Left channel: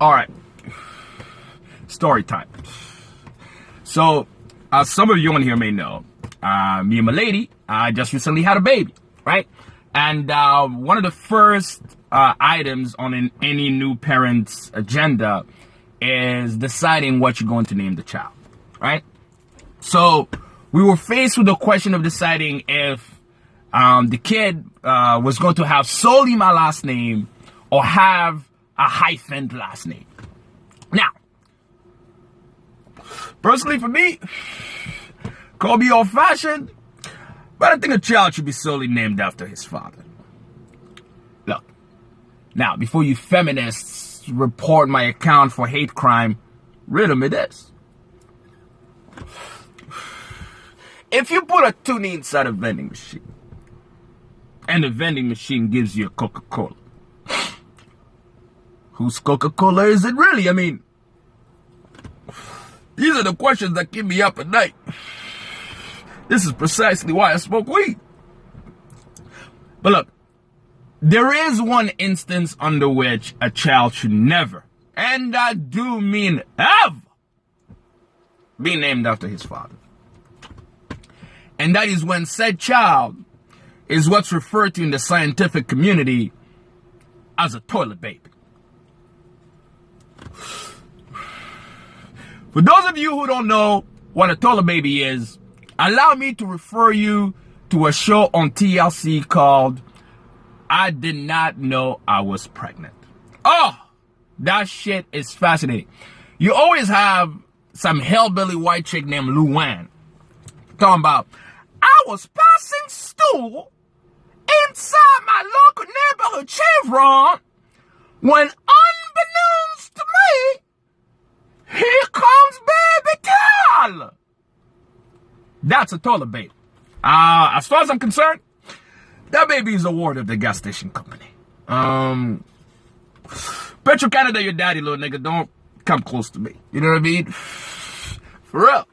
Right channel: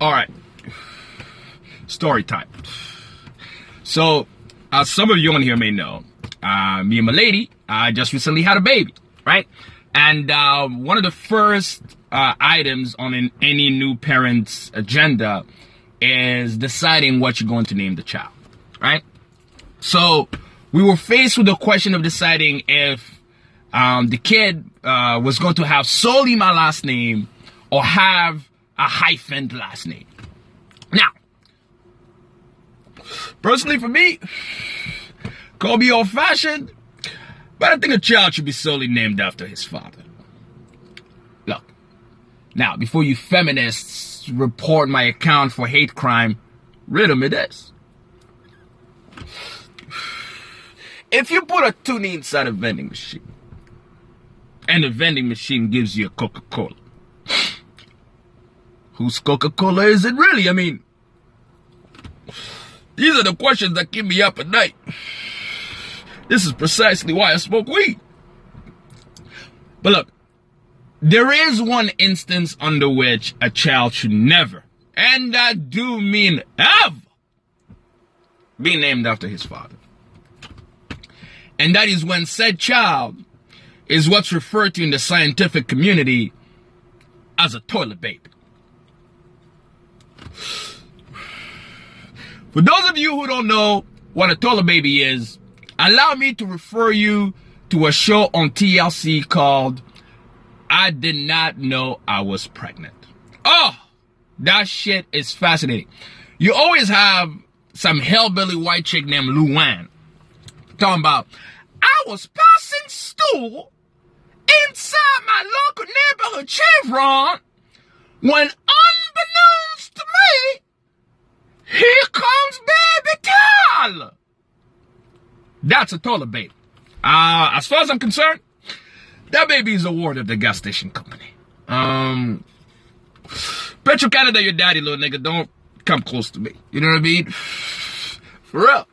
All right. Story time. So, some of you on here may know, me and my lady just recently had a baby, right? And one of the first items on any new parent's agenda is deciding what you're going to name the child, right? So, we were faced with the question of deciding if the kid was going to have solely my last name or have a hyphened last name. Now, personally for me, call me old-fashioned, but I think a child should be solely named after his father. Look, now, before you feminists report my account for hate crime, riddle me this. If you put a tuna inside a vending machine, and the vending machine gives you a Coca-Cola, whose Coca-Cola is it really? I mean, these are the questions that keep me up at night. This is precisely why I smoke weed. But look, there is one instance under which a child should never, and I do mean ever, be named after his father. And that is when said child is what's referred to in the scientific community as a toilet baby. For those of you who don't know what a toilet baby is, allow me to refer you to a show on TLC called I Did Not Know I Was Pregnant. Oh, that shit is fascinating. You always have some hellbilly white chick named Luann talking about, I was passing stool inside my local neighborhood Chevron when unbeknownst to me, here comes baby Tyler. That's a toilet baby. As far as I'm concerned, that baby is a ward of the gas station company. Petro Canada, your daddy, little nigga. Don't come close to me. You know what I mean? For real.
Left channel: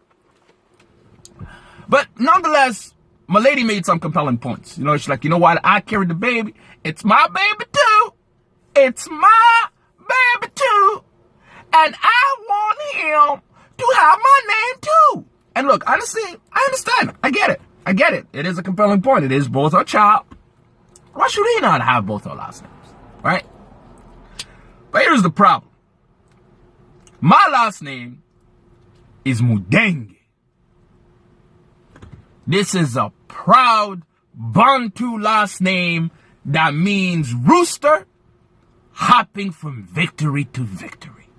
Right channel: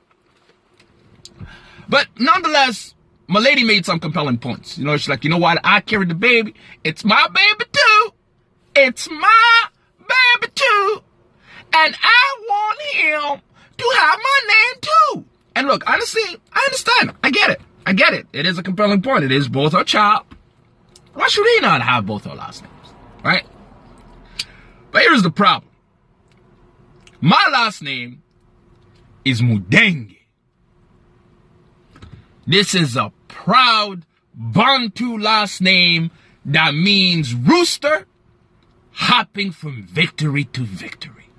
But nonetheless, my lady made some compelling points. You know, she's like, you know what? I carried the baby. It's my baby too. It's my baby too. And I want him to have my name too. And look, honestly, I understand. I get it. I get it. It is a compelling point. It is both our child. Why should he not have both our last names? Right? But here's the problem. My last name is Mudenge. This is a proud Bantu last name that means rooster hopping from victory to victory.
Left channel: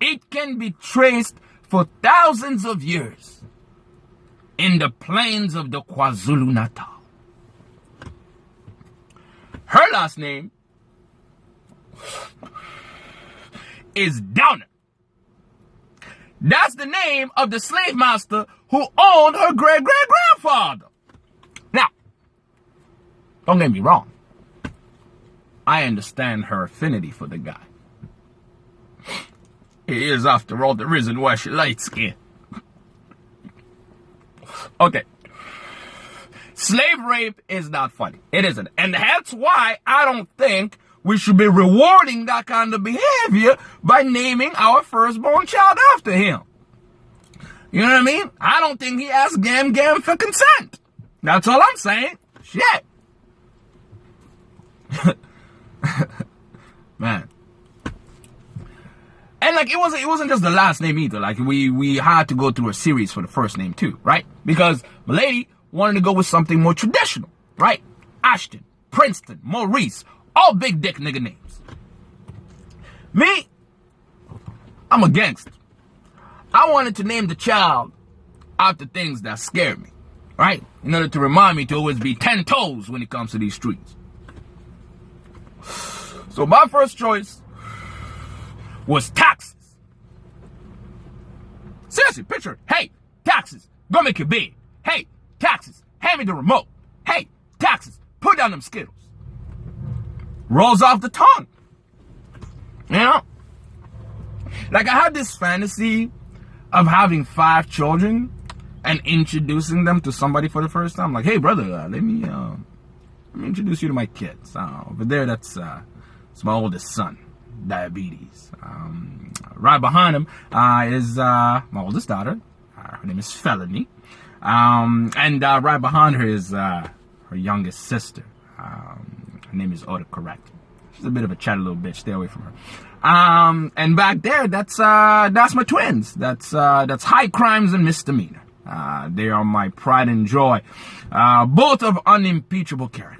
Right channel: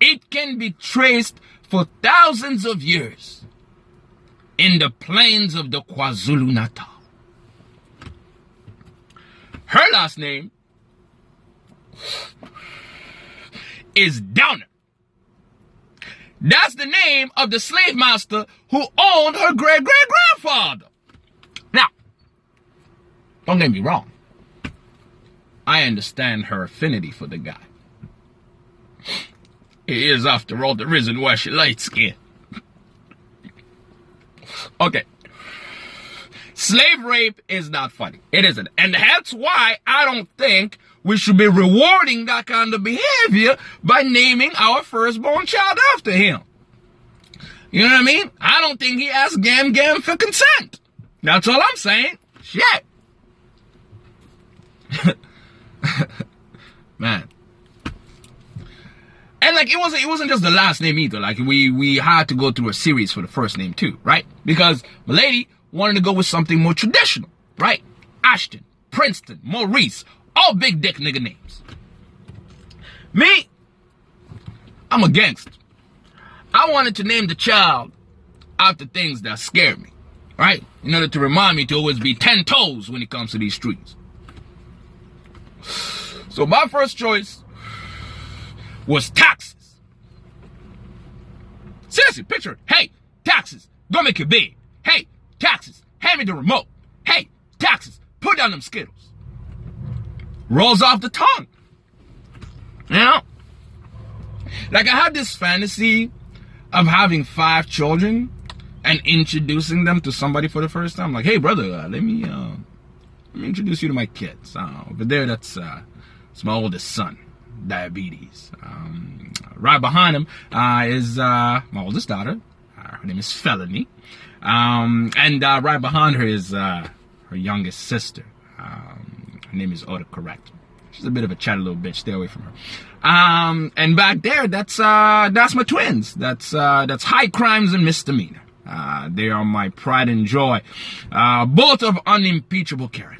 It can be traced for thousands of years in the plains of the KwaZulu-Natal. Her last name is Downer. That's the name of the slave master who owned her great-great-grandfather. Now, don't get me wrong. I understand her affinity for the guy. He is, after all, the reason why she light skin. Okay. Slave rape is not funny. It isn't. And that's why I don't think we should be rewarding that kind of behavior by naming our firstborn child after him. You know what I mean? I don't think he asked Gam for consent. That's all I'm saying. Shit. Man. And like, it wasn't just the last name either. Like, we had to go through a series for the first name too, right? Because my lady wanted to go with something more traditional, right? Ashton, Princeton, Maurice, all big dick nigga names. Me, I'm a gangster. I wanted to name the child after things that scared me, right? In order to remind me to always be 10 toes when it comes to these streets. So my first choice was taxes. Seriously, picture it. Hey, taxes, go make it big. Hey, taxes, hand me the remote. Hey, taxes, put down them Skittles. Rolls off the tongue. You know? Like, I had this fantasy of having 5 children and introducing them to somebody for the first time. Like, hey, brother, let me introduce you to my kids. Over there, that's my oldest son. diabetes. Right behind him is my oldest daughter. Her name is Felony. And right behind her is her youngest sister. Her name is Autocorrect. She's a bit of a chatty little bitch. Stay away from her. And back there, that's my twins. That's high crimes and misdemeanor. They are my pride and joy. Both of unimpeachable character.